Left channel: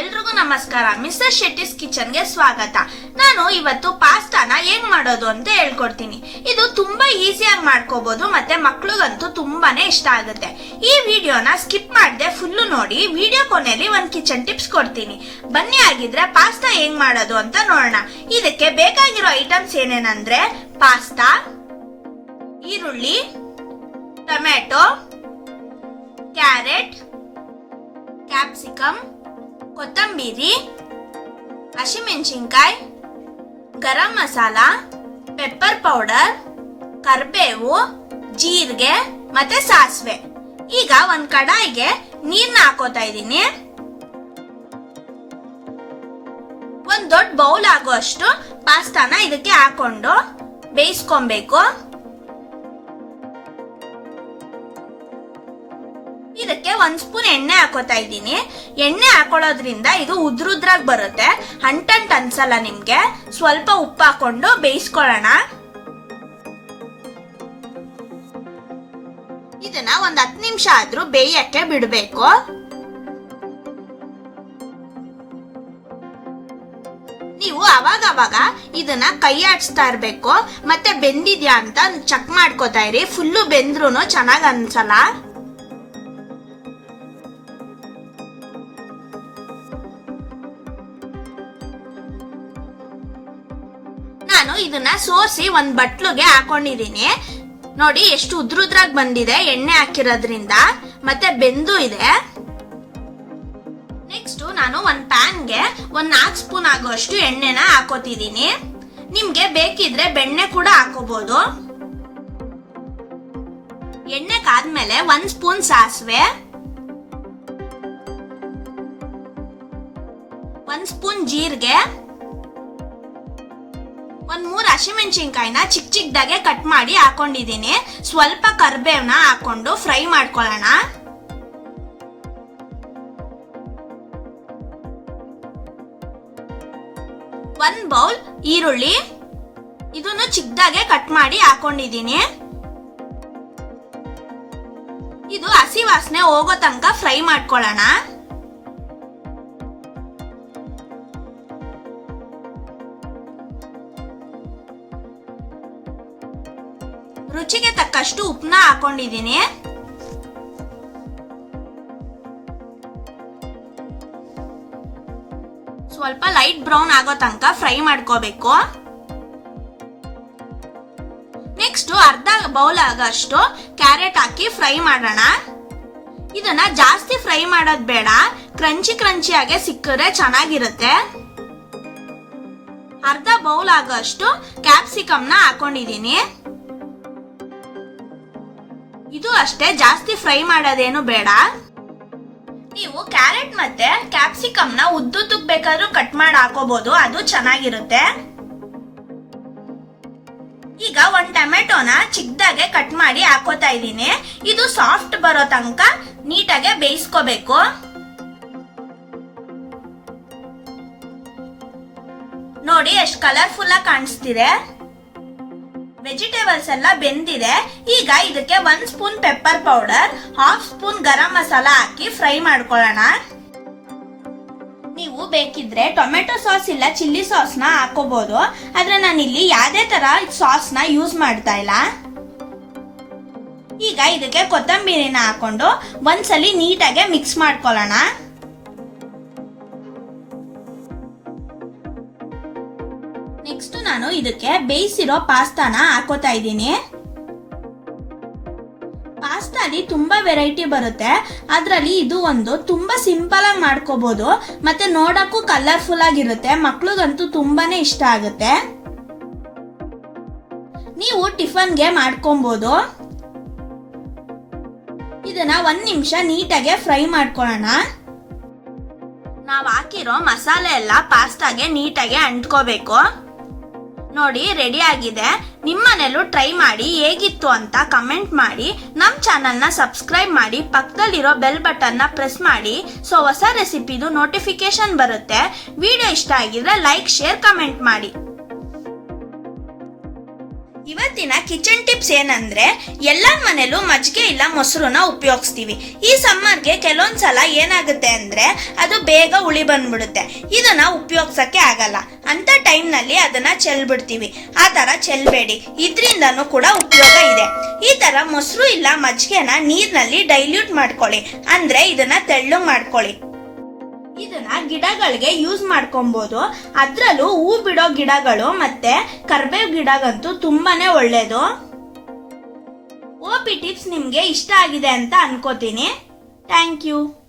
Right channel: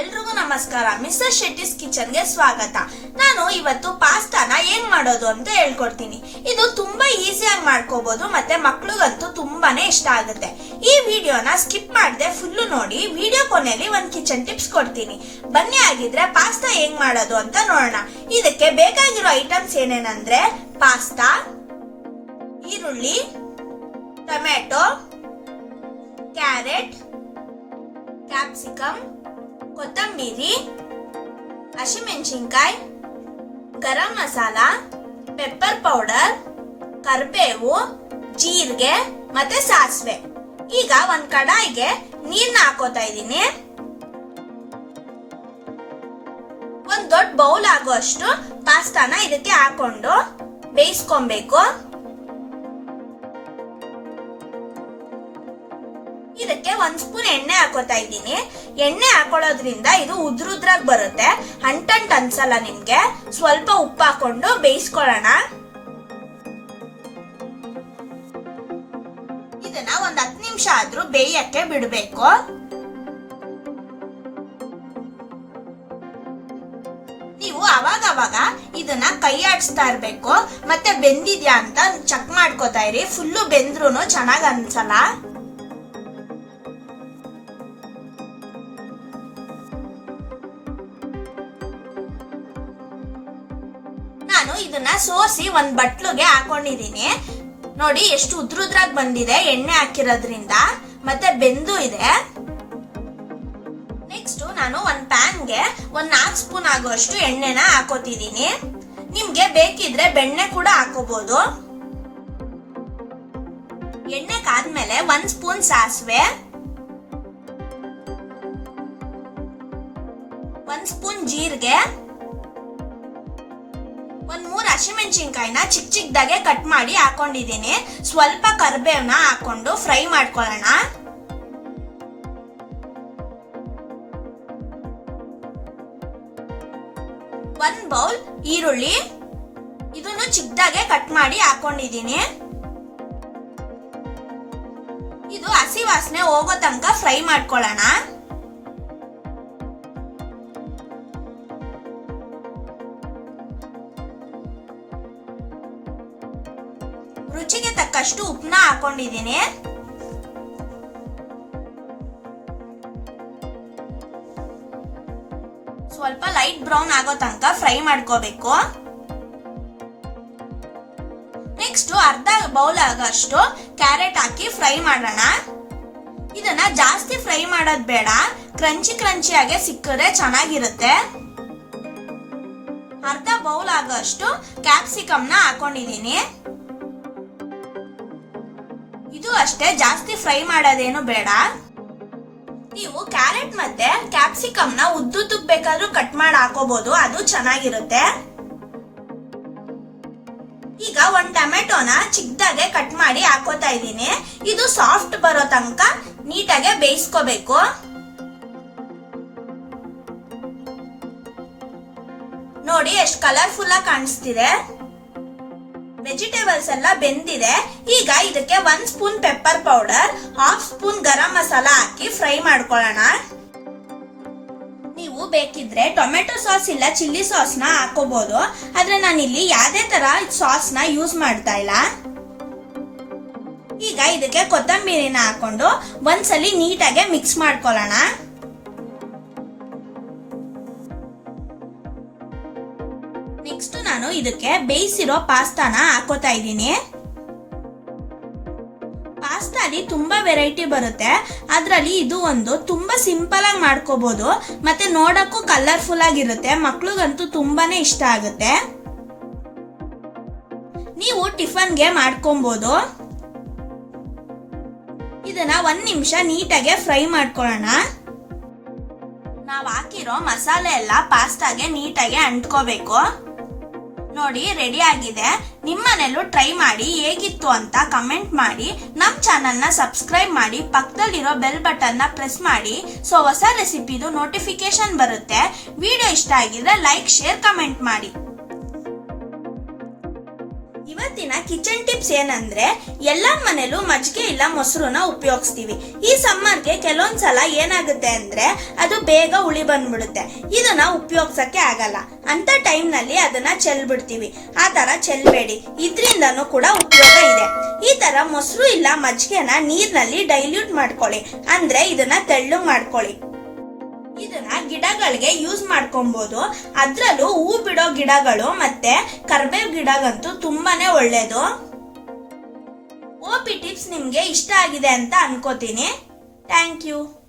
ಎಲ್ರಿಗೂ ನಮಸ್ಕಾರ. Mister Shetty's kitchen ಗೆ ಸ್ವಾಗತ. ನಾನು ಇವತ್ತು ಪಾಸ್ತಾನ ಹೇಗ್ ಮಾಡೋದು ಅಂತ ಹೇಳ್ಕೊಡ್ತೀನಿ. ಇದು ತುಂಬಾ ಈಸಿಯಾಗಿ ಮಾಡ್ಕೋಬಹುದು ಮತ್ತೆ ಮಕ್ಳಿಗಂತೂ ತುಂಬಾನೇ ಇಷ್ಟ ಆಗುತ್ತೆ. ಈ ವಿಡಿಯೋನ ಸ್ಕಿಪ್ ಮಾಡದೆ ಫುಲ್ಲು ನೋಡಿ. ವಿಡಿಯೋ ಕೊನೆಯಲ್ಲಿ ಒಂದು ಕಿಚನ್ ಟಿಪ್ಸ್ ಕೊಡ್ತೀನಿ. ಬನ್ನಿ ಆಗಿದ್ರೆ ಪಾಸ್ತಾ ಹೇಗ್ ಮಾಡೋದು ಅಂತ ನೋಡೋಣ. ಇದಕ್ಕೆ ಬೇಕಾಗಿರೋ ಐಟಮ್ಸ್ ಏನೇನಂದ್ರೆ ಪಾಸ್ತಾ, ಈರುಳ್ಳಿ, ಟೊಮೆಟೊ, ಕ್ಯಾರೆಟ್, ಕ್ಯಾಪ್ಸಿಕಮ್, ಕೊತ್ತಂಬರಿ, ಹಸಿಮೆಣಸಿನಕಾಯಿ, ಗರಂ ಮಸಾಲ, ಪೆಪ್ಪರ್ ಪೌಡರ್, ಕರಿಬೇವು, ಜೀರಿಗೆ ಮತ್ತೆ ಸಾಸಿವೆ. ಈಗ ಒಂದ್ ಕಡಾಯಿಗೆ ನೀರ್ನ ಹಾಕೋತಾ ಇದ್ದೀನಿ. ಒಂದ್ ದೊಡ್ಡ ಬೌಲ್ ಆಗುವಷ್ಟು ಪಾಸ್ತಾನ ಇದಕ್ಕೆ ಹಾಕೊಂಡು ಬೇಯಿಸ್ಕೊಬೇಕು. ಇದಕ್ಕೆ 1 ಸ್ಪೂನ್ ಎಣ್ಣೆ ಹಾಕೋತಾ ಇದ್ದೀನಿ. ಎಣ್ಣೆ ಹಾಕೊಳ್ಳೋದ್ರಿಂದ ಇದು ಉದ್ರುದ್ರಾಗಿ ಬರುತ್ತೆ, ಅಂಟಂಟ್ ಅನ್ಸಲ್ಲ ನಿಮ್ಗೆ. ಸ್ವಲ್ಪ ಉಪ್ಪು ಹಾಕೊಂಡು ಬೇಯಿಸ್ಕೊಳ್ಳೋಣ. ಇದನ್ನ 10 ನಿಮಿಷ ಆದ್ರೂ ಬೇಯಕ್ಕೆ ಬಿಡಬೇಕು. ನೀವು ಅವಾಗ ಇದನ್ನ ಕೈ ಆಡಿಸ್ತಾ ಇರ್ಬೇಕು. ಮತ್ತೆ ಬೆಂದಿದ್ಯಾ ಅಂತ ಚೆಕ್ ಮಾಡ್ಕೋತಾ ಇರಿ. ಫುಲ್ಲು ಬೆಂದ್ರೂ ಚೆನ್ನಾಗ್ ಅನ್ಸಲ್ಲ. ನಾನು ಇದನ್ನ ಸೋಸಿ ಒಂದ್ ಬಟ್ಲುಗೆ ಹಾಕೊಂಡಿದೀನಿ. ನೋಡಿ ಎಷ್ಟು ಉದ್ರುದ್ರಾಗಿ ಬಂದಿದೆ ಎಣ್ಣೆ ಹಾಕಿರೋದ್ರಿಂದ, ಮತ್ತೆ ಬೆಂದು ಇದೆ. ನೆಕ್ಸ್ಟ್ ನಾನು ಒಂದ್ ಪ್ಯಾನ್ಗೆ 4 ಸ್ಪೂನ್ ಆಗುವಷ್ಟು ಎಣ್ಣೆನ ಹಾಕೋತಿದ್ದೀನಿ. ನಿಮ್ಗೆ ಬೇಕಿದ್ರೆ ಬೆಣ್ಣೆ ಕೂಡ ಹಾಕೋಬಹುದು. ಎಣ್ಣೆ ಕಾದ್ಮೇಲೆ 1 ಸ್ಪೂನ್ ಸಾಸಿವೆ, 1 ಸ್ಪೂನ್ ಜೀರಿಗೆ, 3 ಹಸಿಮೆಣಸಿನಕಾಯಿನ ಚಿಕ್ಕದಾಗೆ ಕಟ್ ಮಾಡಿ ಹಾಕೊಂಡಿದ್ದೀನಿ. ಸ್ವಲ್ಪ ಕರಿಬೇವನ್ನ ಹಾಕೊಂಡು ಫ್ರೈ ಮಾಡ್ಕೊಳ್ಳೋಣ. ಒಂದು ಬೌಲ್ ಈರುಳ್ಳಿ, ಇದನ್ನು ಚಿಕ್ಕದಾಗೆ ಕಟ್ ಮಾಡಿ ಹಾಕೊಂಡಿದ್ದೀನಿ. ಇದು ಹಸಿ ವಾಸನೆ ಹೋಗೋ ತನಕ ಫ್ರೈ ಮಾಡ್ಕೊಳ್ಳೋಣ. ರುಚಿಗೆ ತಕ್ಕಷ್ಟು ಉಪ್ಪನ್ನ ಹಾಕೊಂಡಿದ್ದೀನಿ. ಸ್ವಲ್ಪ ಲೈಟ್ ಬ್ರೌನ್ ಆಗೋ ತನಕ ಫ್ರೈ ಮಾಡ್ಕೋಬೇಕು. ನೆಕ್ಸ್ಟ್ ಅರ್ಧ ಬೌಲ್ ಆಗಷ್ಟು ಕ್ಯಾರೆಟ್ ಹಾಕಿ ಫ್ರೈ ಮಾಡೋಣ. ಇದನ್ನ ಜಾಸ್ತಿ ಫ್ರೈ ಮಾಡೋದ್ ಬೇಡ, ಕ್ರಂಚಿ ಆಗಿ ಸಿಕ್ಕರೆ ಚೆನ್ನಾಗಿರುತ್ತೆ. ಅರ್ಧ ಬೌಲ್ ಆಗಷ್ಟು ಕ್ಯಾಪ್ಸಿಕಮ್ ನ ಹಾಕೊಂಡಿದ್ದೀನಿ. ಇದು ಅಷ್ಟೇ, ಜಾಸ್ತಿ ಫ್ರೈ ಮಾಡೋದೇನು ಬೇಡ. ನೀವು ಕ್ಯಾರೆಟ್ ಮತ್ತೆ ಕ್ಯಾಪ್ಸಿಕಮ್ ನ ಉದ್ದುದ್ದಕ್ಕೆ ಬೇಕಾದ್ರೂ ಕಟ್ ಮಾಡಿ ಹಾಕೋಬಹುದು, ಅದು ಚೆನ್ನಾಗಿರುತ್ತೆ. ಈಗ 1 ಟೊಮೆಟೊನ ಚಿಕ್ಕದಾಗೆ ಕಟ್ ಮಾಡಿ ಹಾಕೋತಾ ಇದ್ದೀನಿ. ಇದು ಸಾಫ್ಟ್ ಬರೋ ತನಕ ನೀಟಾಗೆ ಬೇಯಿಸ್ಕೋಬೇಕು. ನೋಡಿ ಎಷ್ಟು ಕಲರ್ಫುಲ್ ಆಗಿ ಕಾಣಿಸ್ತಿದೆ. ವೆಜಿಟೇಬಲ್ಸ್ ಎಲ್ಲ ಬೆಂದಿದೆ. ಈಗ ಇದಕ್ಕೆ 1 spoon pepper powder, 1/2 spoon garam masala ಹಾಕಿ ಫ್ರೈ ಮಾಡ್ಕೊಳ್ಳೋಣ. ನೀವು ಬೇಕಿದ್ರೆ ಟೊಮೆಟೊ ಸಾಸ್ ಇಲ್ಲ ಚಿಲ್ಲಿ ಸಾಸ್ ನ ಹಾಕೋಬಹುದು, ಆದ್ರೆ ನಾನಿಲ್ಲಿ ಯಾವುದೇ ತರ ಸಾಸ್ ನ ಯೂಸ್ ಮಾಡ್ತಾ ಇಲ್ಲ. ಈಗ ಇದಕ್ಕೆ ಕೊತ್ತಂಬರಿನ ಹಾಕೊಂಡು ಒಂದ್ಸಲಿ ನೀಟಾಗಿ ಮಿಕ್ಸ್ ಮಾಡ್ಕೊಳ್ಳೋಣ. ನೆಕ್ಸ್ಟ್ ನಾನು ಇದಕ್ಕೆ ಬೇಯಿಸಿರೋ ಪಾಸ್ತಾನ ಹಾಕೋತಾ ಇದ್ದೀನಿ. ಪಾಸ್ತಾಲಿ ತುಂಬಾ ವೆರೈಟಿ ಬರುತ್ತೆ, ಅದ್ರಲ್ಲಿ ಇದು ಒಂದು ತುಂಬಾ ಸಿಂಪಲ್ ಆಗಿ ಮಾಡ್ಕೋಬಹುದು, ಮತ್ತೆ ನೋಡಕ್ಕೂ ಕಲರ್ಫುಲ್ ಆಗಿರುತ್ತೆ. ಮಕ್ಳಿಗಂತೂ ತುಂಬಾನೇ ಇಷ್ಟ ಆಗುತ್ತೆ. ನೀವು ಟಿಫನ್ಗೆ ಮಾಡ್ಕೊಬಹುದು. ಇದನ್ನ 1 ನಿಮಿಷ ನೀಟಾಗಿ ಫ್ರೈ ಮಾಡ್ಕೊಳ್ಳೋಣ. ನಾವು ಹಾಕಿರೋ ಮಸಾಲೆ ಎಲ್ಲ ಪಾಸ್ತಾಗೆ ನೀಟಾಗಿ ಅಂಟ್ಕೋಬೇಕು. ನೋಡಿ ರೆಡಿ ಆಗಿದೆ. ನಿಮ್ಮನೇಲೂ ಟ್ರೈ ಮಾಡಿ ಹೇಗಿತ್ತು ಅಂತ ಕಮೆಂಟ್ ಮಾಡಿ. ನಮ್ಮ ಚಾನೆಲ್ ನ ಸಬ್ಸ್ಕ್ರೈಬ್ ಮಾಡಿ, ಪಕ್ಕದಲ್ಲಿರೋ ಬೆಲ್ ಬಟನ್ ನ ಪ್ರೆಸ್ ಮಾಡಿ. ಸೊ ಹೊಸ ರೆಸಿಪಿದು ನೋಟಿಫಿಕೇಶನ್ ಬರುತ್ತೆ. ವಿಡಿಯೋ ಇಷ್ಟ ಆಗಿದ್ರೆ ಲೈಕ್, ಶೇರ್, ಕಮೆಂಟ್ ಮಾಡಿ. ಇವತ್ತಿನ ಕಿಚನ್ ಟಿಪ್ಸ್ ಏನಂದ್ರೆ ಎಲ್ಲರ ಮನೇಲೂ ಮಜ್ಜಿಗೆ ಇಲ್ಲ ಮೊಸರನ್ನ ಉಪಯೋಗಿಸ್ತೀವಿ. ಈ ಸಮ್ಮರ್ಗೆ ಕೆಲವೊಂದ್ಸಲ ಏನಾಗುತ್ತೆ ಅಂದ್ರೆ ಅದು ಬೇಗ ಹುಳಿ ಬಂದ್ಬಿಡುತ್ತೆ. ಇದನ್ನ ಉಪಯೋಗಿಸಕ್ಕೆ ಆಗಲ್ಲ. ಅಂತ ಟೈಮ್ ನಲ್ಲಿ ಅದನ್ನ ಚೆಲ್ಬಿಡ್ತೀವಿ. ಆ ತರ ಚೆಲ್ಬೇಡಿ, ಇದ್ರಿಂದನೂ ಕೂಡ ಉಪಯೋಗ ಇದೆ. ಈ ತರ ಮೊಸರು ಇಲ್ಲ ಮಜ್ಜಿಗೆನ ನೀರ್ನಲ್ಲಿ ಡೈಲ್ಯೂಟ್ ಮಾಡ್ಕೊಳ್ಳಿ, ಅಂದ್ರೆ ಇದನ್ನ ತೆಳ್ಳಗ್ ಮಾಡ್ಕೊಳ್ಳಿ. ಇದನ್ನ ಗಿಡಗಳಿಗೆ ಯೂಸ್ ಮಾಡ್ಕೊಬಹುದು. ಅದ್ರಲ್ಲೂ ಹೂ ಬಿಡೋ ಗಿಡಗಳು ಮತ್ತೆ ಕರ್ಬೇವ್ ಗಿಡಗಂತೂ ತುಂಬಾನೇ ಒಳ್ಳೇದು. OP ಟಿಪ್ಸ್ ನಿಮ್ಗೆ ಇಷ್ಟ ಆಗಿದೆ ಅಂತ ಅನ್ಕೋತೀನಿ. Thank you.